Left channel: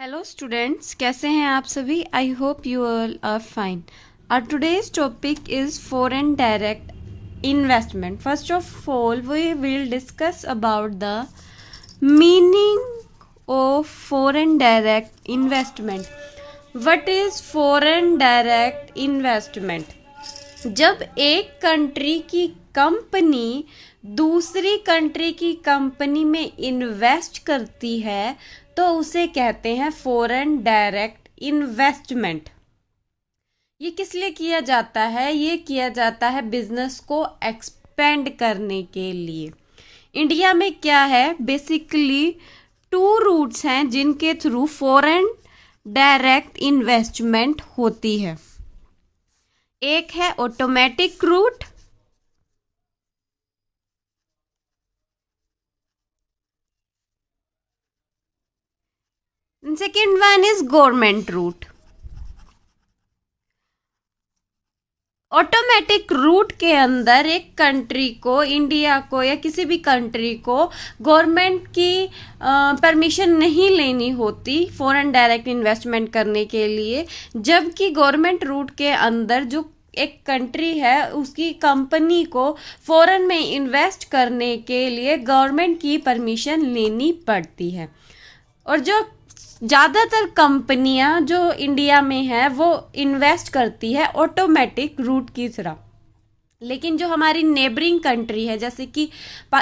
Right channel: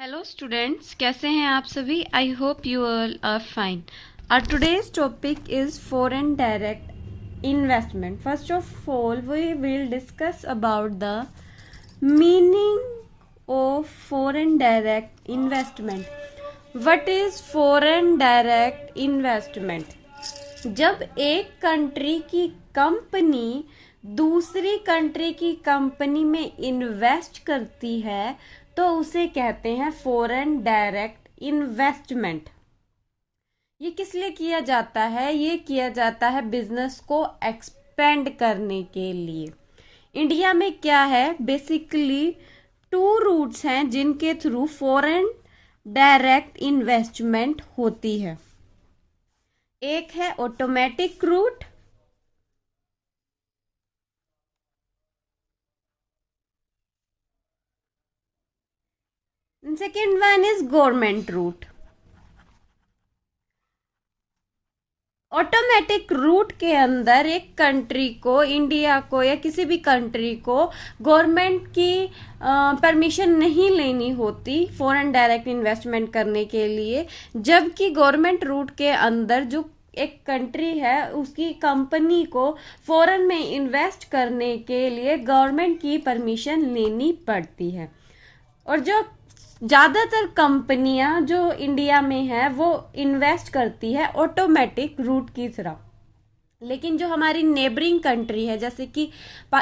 Hello students, कैसे हैं आप सभी। I hope you all are fine. Our today's topic is foreign direct investment. First of all we will discuss about the meaning of foreign direct investment. What is foreign direct investment? जब एक country की company दूसरी country की company में invest करती है तो उसे कहते हैं फॉरेन डायरेक्ट इन्वेस्टमेंट. ये किस लिए किया जाता है? ये किया जाता है बिजनेस को एक्सपेंड करने के लिए. इंडिया में क्या है, बेसिकली 2 रूट्स हैं जिनके थ्रू फॉरेन डायरेक्ट इन्वेस्टमेंट होती है. एक है automatic route, second one is government route. Automatic route के अंदर एक कंट्री को, इंडिया को या किसी भी कंट्री को गवर्नमेंट की परमिशन नहीं लेनी होती फॉरेन डायरेक्ट इन्वेस्टमेंट करने के लिए. जबकि गवर्नमेंट रूट के अंदर जो एक कंट्री है उसकी कंपनी को फॉरेन में इन्वेस्ट करने के लिए गवर्नमेंट की परमिशन लेनी पड़ती है. और जो ज़्यादातर कंपनियां जो इंडिया में है वो इन्वेस्ट करती है ऑटोमेटिक रूट की तरह. लेकिन जो हमारी नेबरिंग कंट्री है, जैसे कि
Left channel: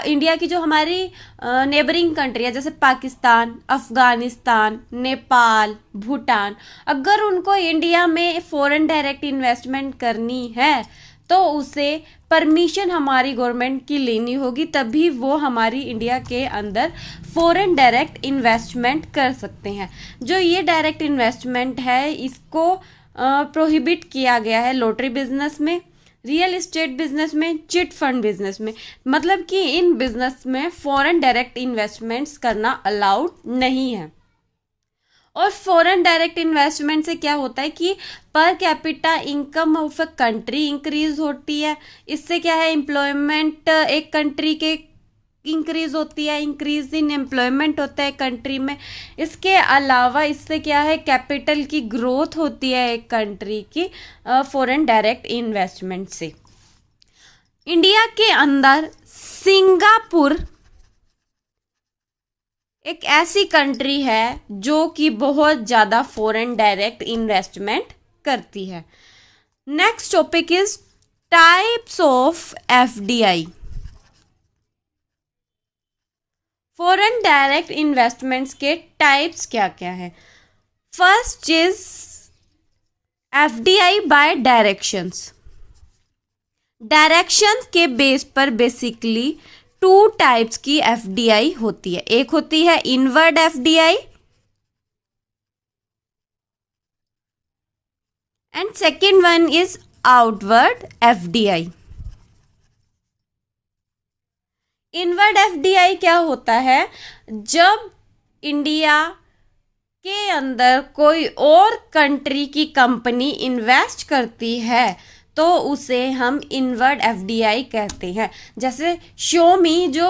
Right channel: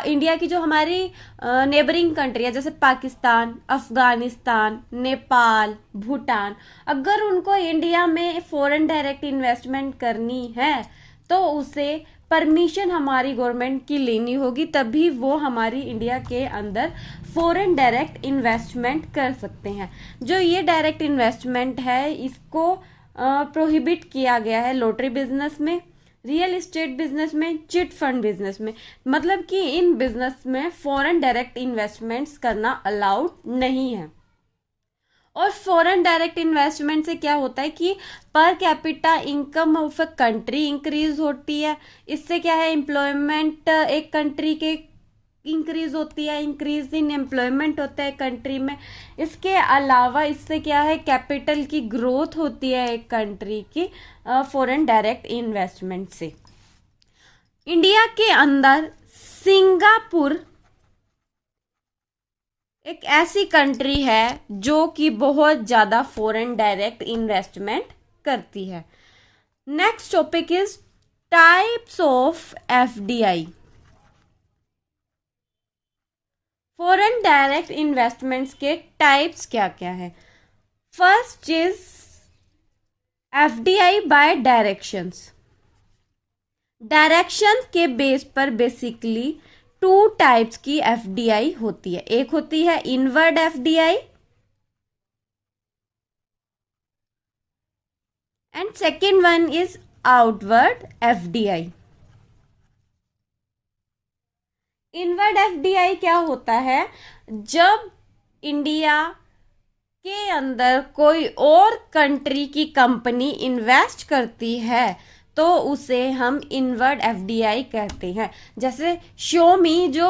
इंडिया की जो हमारी नेबरिंग कंट्री है, जैसे पाकिस्तान, अफगानिस्तान, नेपाल, भूटान, अगर उनको इंडिया में फॉरेन डायरेक्ट इन्वेस्टमेंट करनी है तो उसे परमिशन हमारी गवर्नमेंट की लेनी होगी, तभी वो हमारी इंडिया के अंदर फॉरेन डायरेक्ट इन्वेस्टमेंट कर सकते हैं. जो ये डायरेक्ट इन्वेस्टमेंट है इसको प्रोहिबिट किया गया है लॉटरी बिजनेस में, रियल एस्टेट बिजनेस में, चिट फंड बिजनेस में. मतलब कि इन बिजनेस में फॉरेन डायरेक्ट इन्वेस्टमेंट्स करना अलाउड नहीं है. और फॉरेन डायरेक्ट इन्वेस्टमेंट से क्या होता है कि per capita income of a country increase होती है. इससे क्या है, एम्प्लॉयमेंट एक कंट्री के इंक्रीज होती है, इंक्रीज इन एम्प्लॉयमेंट होता है कंट्री में. इसके अलावा इससे क्या है, कैपिटल की ग्रोथ होती है एक कंट्री की फॉरेन डायरेक्ट इन्वेस्टमेंट से. इंडिया के अंदर सिंगापुर एक ऐसी कंट्री है जो कि बहुत ज़्यादा फॉरेन डायरेक्ट इन्वेस्टमेंट करती है. Next topic is types of FDI. Foreign direct investments के टाइप्स क्या क्या है? First is FDI by directions. Direction के बेस पर बेसिकली 2 टाइप्स की एफडीआई होती है. एक होती है inward FDI and second one is outward FDI. Inward FDI क्या होता है? जब इंडिया के अंदर कोई और कंट्री की कंपनी इन्वेस्ट करती है तो उसे हम इनवर्ड एफडीआई कहते हैं. जैसे Xiaomi जो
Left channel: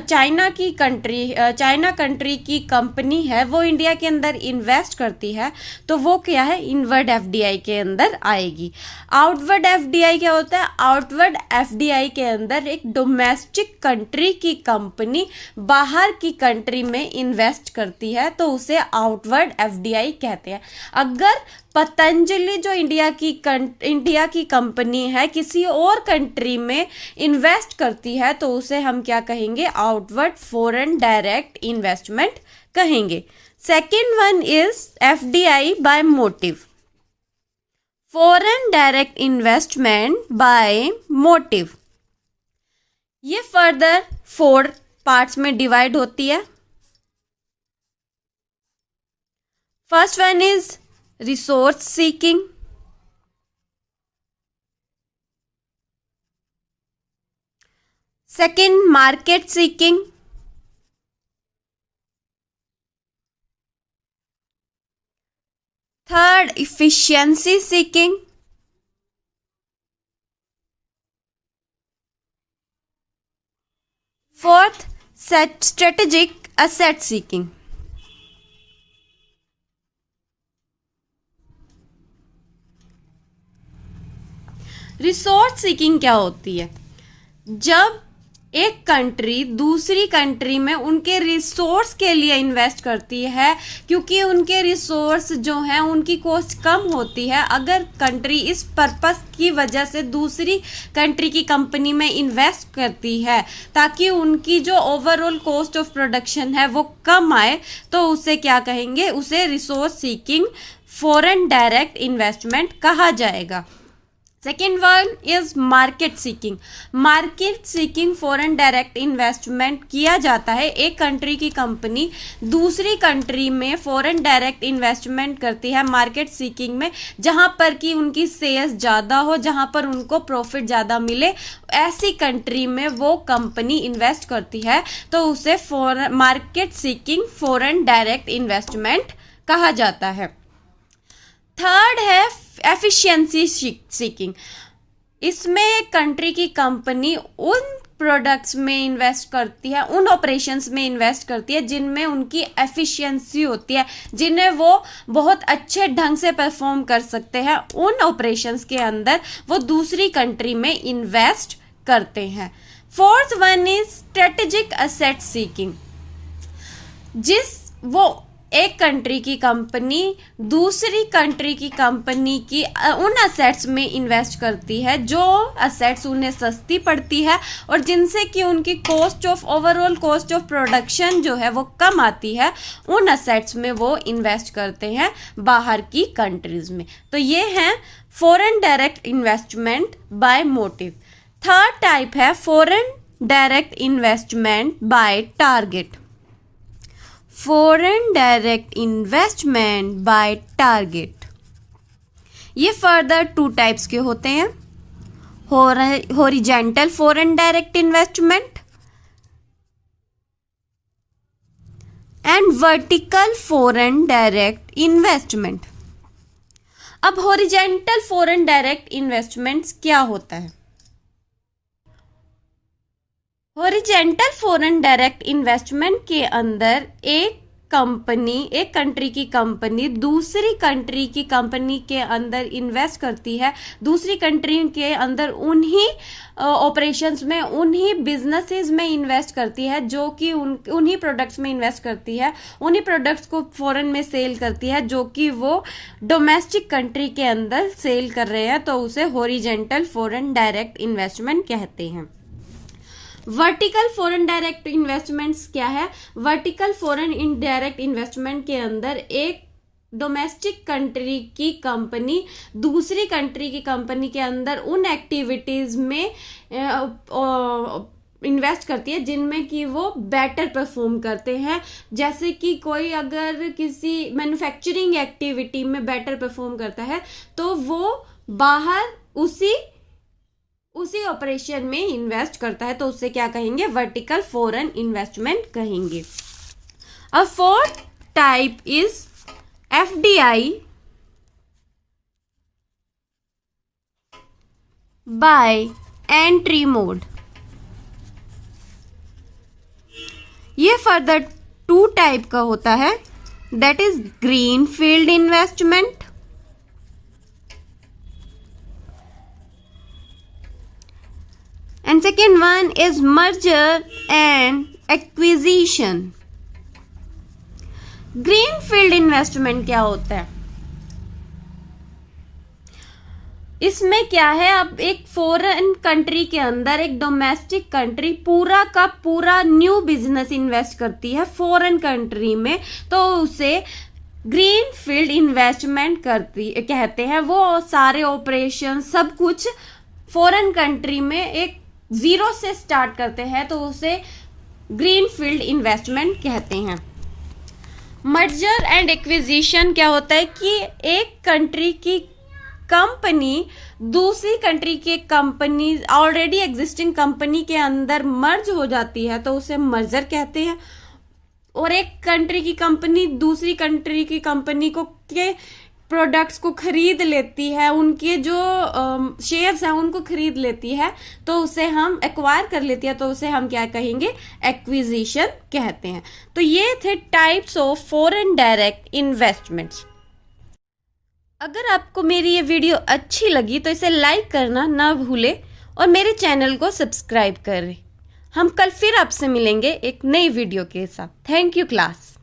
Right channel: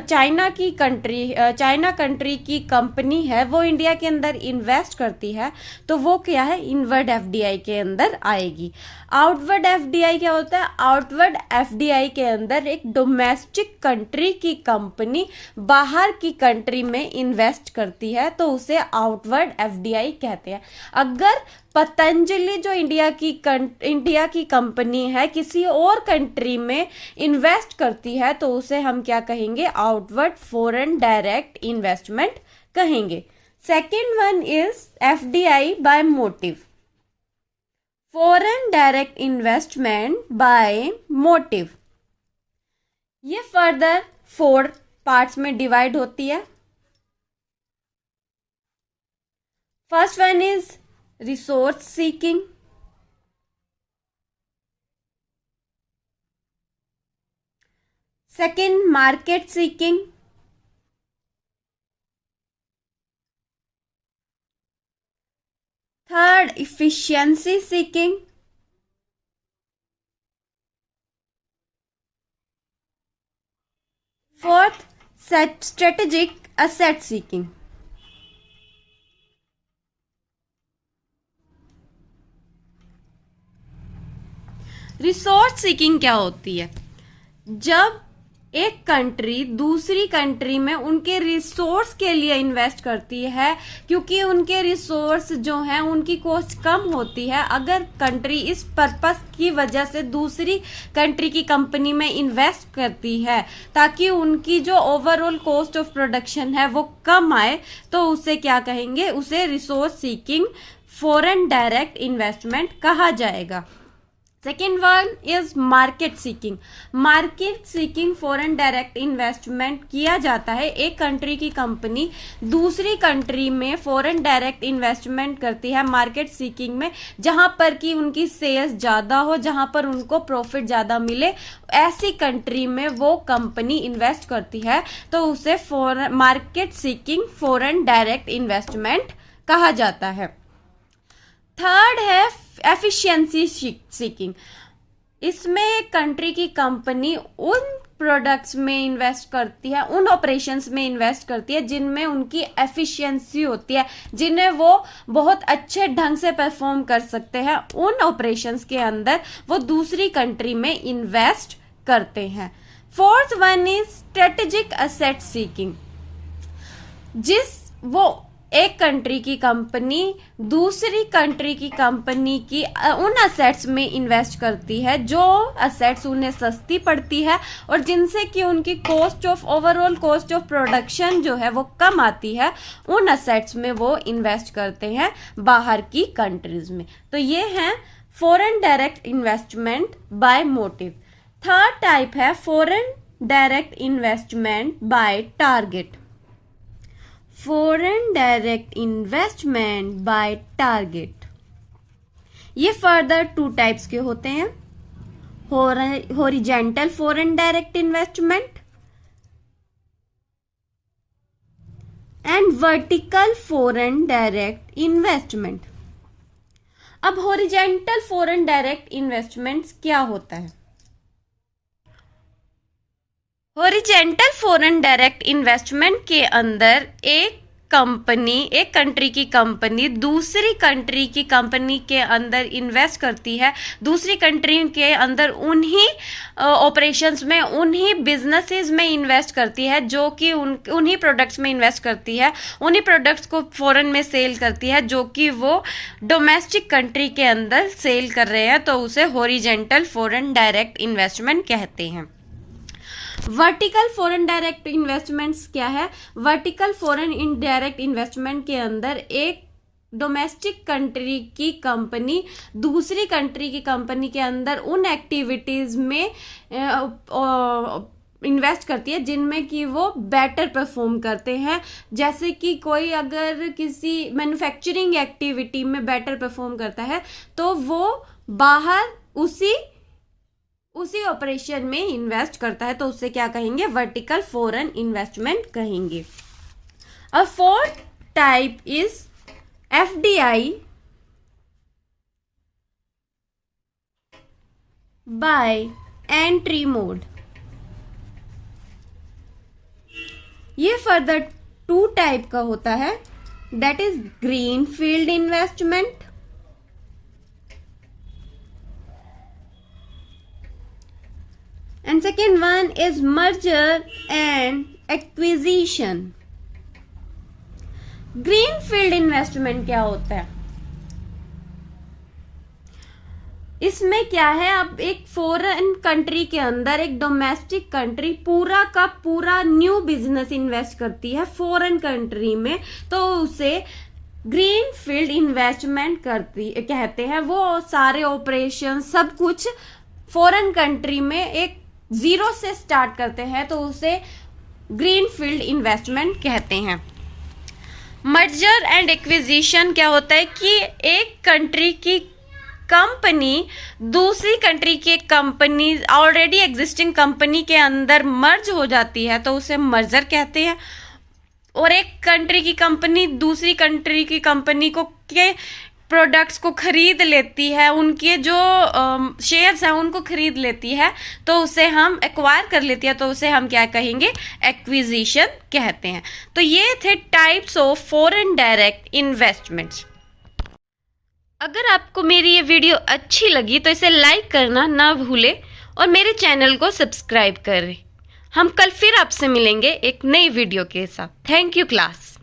चाइना कंट्री की कंपनी है, वो इंडिया के अंदर इन्वेस्ट करती है तो वो क्या है, इनवर्ड एफडीआई के अंदर आएगी. आउटवर्ड एफडीआई क्या होता है? आउटवर्ड एफडीआई के अंदर एक डोमेस्टिक कंट्री की कंपनी बाहर की कंट्री में इन्वेस्ट करती है तो उसे आउटवर्ड एफडीआई कहते हैं. अगर पतंजलि जो इंडिया की कंपनी है किसी और कंट्री में इन्वेस्ट करती है तो उसे हम क्या कहेंगे, आउटवर्ड फॉरेन डायरेक्ट इन्वेस्टमेंट कहेंगे. Second one is FDI by motive. Foreign direct investment by motive ये फर्दर 4 पार्ट्स में डिवाइड होती है. First one is resource seeking. Second, market seeking. Third, efficiency seeking. Fourth, strategic asset seeking. Resource seeking क्या होती है? जब एक country दूसरी कंट्री में उनके रिसोर्स के लिए इन्वेस्ट करती है, क्योंकि उनके रिसोर्स जो हैं उनकी कॉस्ट कम होती है। अगर कंट्री इस पर्पस की वजह से दूसरी कंट्री की कंपनी में इन्वेस्ट करती है ताकि उनकी जो ओवरऑल कॉस्ट ऑफ प्रोडक्शन है वो कम आए, तो उसे क्या कहेंगे? उसे resource seeking foreign direct investment कहा जाएगा। Second one is market seeking. Market seeking foreign direct investment किया जाता है। एक कंट्री की कंपनी दूसरी कंट्री में फॉरेन डायरेक्ट इन्वेस्टमेंट करती है मार्केट सीकिंग में, जहां पर कि उनकी सेल्स ज्यादा हो, जहां पर उनको प्रॉफिट ज्यादा मिले, ऐसी कंट्री में वो कंपनी इन्वेस्ट करती है, तो उसे market seeking foreign direct investment कहा जाता है। थर्ड है एफिशिएंसी सीकिंग। इसमें एक कंट्री की कंपनी उन प्रोडक्ट्स में इन्वेस्ट करती है, उन ऑपरेशंस में इन्वेस्ट करती है जिनमें उनकी एफिशिएंसी होती है, जिन्हें वो बहुत अच्छे ढंग से परफॉर्म कर सकते हैं। उन ऑपरेशंस के अंदर वो दूसरी कंट्री में इन्वेस्ट करते हैं। Fourth one is strategic asset seeking. वो एक कंट्री की कंपनी दूसरी कंट्री की कंपनी की उन असेट्स में इन्वेस्ट करती है जो असेट्स उन्हें सस्ती पड़ती है और जिनसे कि उनकी ओवरऑल कॉस्ट ऑफ प्रोडक्शन जो है वो कम आती है। उन असेट्स में वो इन्वेस्ट करते हैं बाहर की कंट्रीज में। तो ये है foreign direct investment by motive. Third type है foreign direct investment by target. Foreign direct investment by target, ये फर्दर 2 टाइप्स के होते हैं। Horizontal foreign direct investment and vertical foreign direct investment. अब हॉरिजॉन्टल फॉरेन डायरेक्ट इन्वेस्टमेंट्स क्या होता है? Horizontal foreign direct investment के अंदर एक कंट्री की कंपनी दूसरी कंट्री की कंपनी के अंदर इन्वेस्ट करती है, दूसरी कंट्री के अंदर उन्हीं ऑपरेशंस में, उन्हीं बिजनेसेस में इन्वेस्ट करती है, जो कि उन्हीं प्रोडक्ट्स में इन्वेस्ट करती है, उन्हीं प्रोडक्ट्स को फॉरेन में सेल करती है जो कि वो डोमेस्टिक कंट्री के अंदर सेल कर रहे हैं, तो उसे हॉरिजॉन्टल फॉरेन डायरेक्ट इन्वेस्टमेंट कहते हैं। वर्टिकल फॉरेन डायरेक्ट इन्वेस्टमेंट्स क्या है? वर्टिकल फॉरेन इनडायरेक्ट इन्वेस्टमेंट के अंदर एक डोमेस्टिक कंट्री की कंपनी दूसरी कंट्री की कंपनी के अंदर उन एक्टिविटीज में इन्वेस्ट करती है जिनमें कि वो बेटर परफॉर्म करते हैं। जैसे कि कोई अगर किसी मैन्युफैक्चरिंग एक्टिविटी में बेटर परफॉर्म करता है तो वो बाहर उसी ऑपरेशन में इन्वेस्ट करता है, तो उससे क्या कहेंगे? वर्टिकल फॉरेन इन्वेस्टमेंट कहेंगे। A fourth type is FDI by entry mode. ये फर्दर 2 टाइप का होता है, that is green field investment and second one is merger and acquisition. Greenfield investment क्या होता है? इसमें क्या है, अब एक फॉरेन कंट्री के अंदर एक डोमेस्टिक कंट्री पूरा का पूरा न्यू बिजनेस इन्वेस्ट करती है फॉरेन कंट्री में, तो उसे ग्रीन फील्ड इन्वेस्टमेंट कहते हैं। वो सारे ऑपरेशन सब कुछ फॉरेन कंट्री में एक जीरो से स्टार्ट करते हैं, तो उसे ग्रीन फील्ड इन्वेस्टमेंट कहते हैं। मर्जर एंड एक्विजिशन क्या होता है कि एक कंट्री की कंपनी दूसरी कंट्री की कंपनी ऑलरेडी एग्जिस्टिंग कंपनी के अंदर मर्ज हो जाती है, तो उसे मर्जर कहते हैं। और एक कंट्री की कंपनी दूसरी कंट्री की कंपनी को के प्रोडक्ट्स को खरीद लेती है, उनके जो शेयर्स हैं उनको खरीद लेती है, तो उसे हम एक्वायर कर लेती है, तो उसे हम क्या कहेंगे? एक्विजिशन कहते हैं। तो ये थे types of foreign direct investments. अगर आपको मेरी ये वीडियो अच्छी लगी तो इसे लाइक करना ना भूलें और मेरे चैनल को सब्सक्राइब करें। हम कल फिर आपसे मिलेंगे एक नई वीडियो के साथ। Thank you class.